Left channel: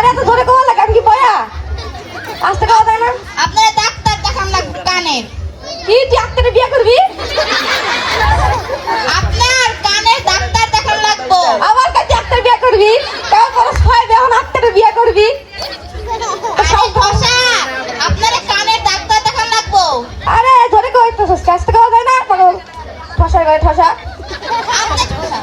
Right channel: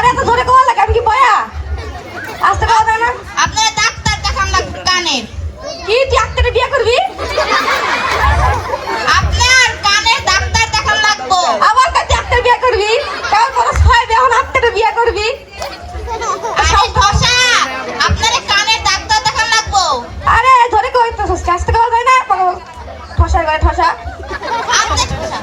আরে এত জোরে কোয়া লাগে আমি কি বয়া? আসতে কোয়া যায় না? আপনার ডাক্তার দেখান লাগবে কানের কি তুই আক্তারে বিয়ে করবি? আপনার কানের ডাক্তার দেখান লাগবো। আবার কাছে আক্তারে বিয়ে করবি? কারণ তোর ছয় এখন আক্তারে বিয়ে করবি? আরে ধসা আপনার কানের ডাক্তার দেখান লাগবো। আরে ধরে কই তো আসতে যায় না পাগল ঠসা করে ঠসা আপনি। আমার ঠসা